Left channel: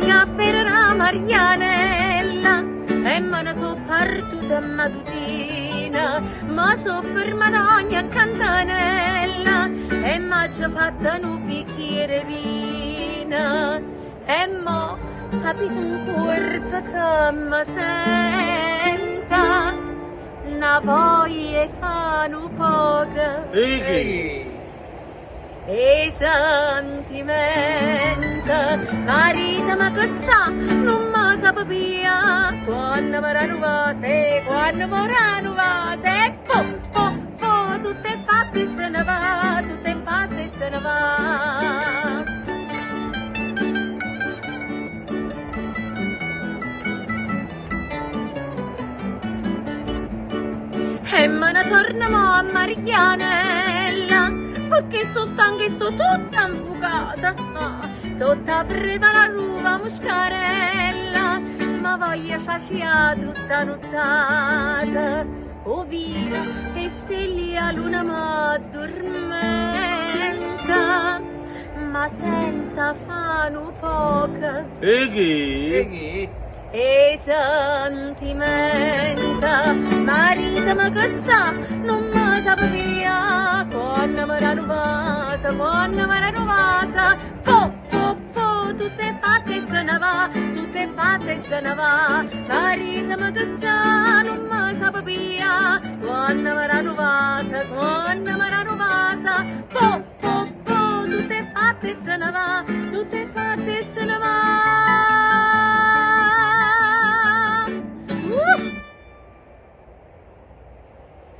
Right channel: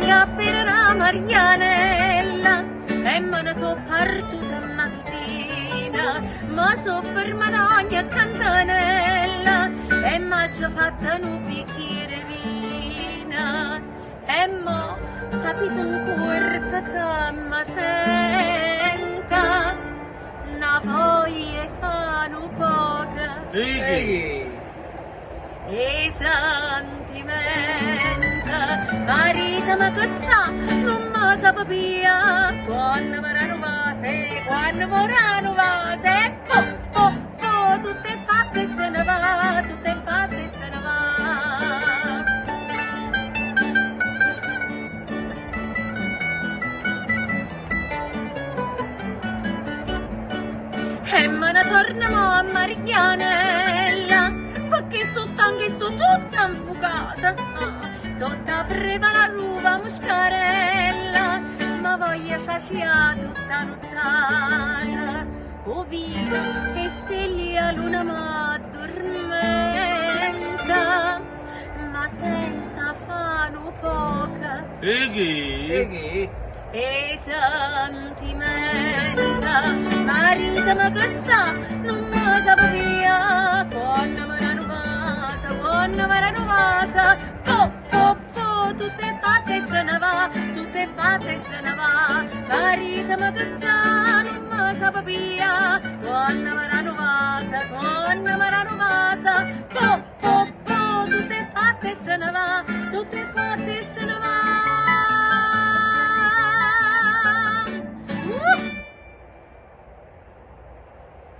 venga per la Marianella e me ne so partita mattina, ma so fermata ogni cantanella e m'ha già fatta un bicchiere vina e mo sapete un corpo che mi senta una voglia fa un poco e sentimenta marito ma che sa non mi sa via quando vorranno vase quando vorranno vase tutto è fatto e se ne va tutto è fatto e se ne va. E me ne torniamo a Marianella perché sto stanca e sto tutta infugata sotto a prima la ruva muscarella ma voglio saciare tutta nottata oh via e stelle a luna m'addormenta ma senza fare poca e sentimenta marito ma che sa non mi sa via quando vorranno vasa tutto è fatto e se ne va tutto è fatto e se ne va marito ma che sa non mi sa via quando vorranno vasa tutto è fatto e se ne va tutto è fatto e se ne va.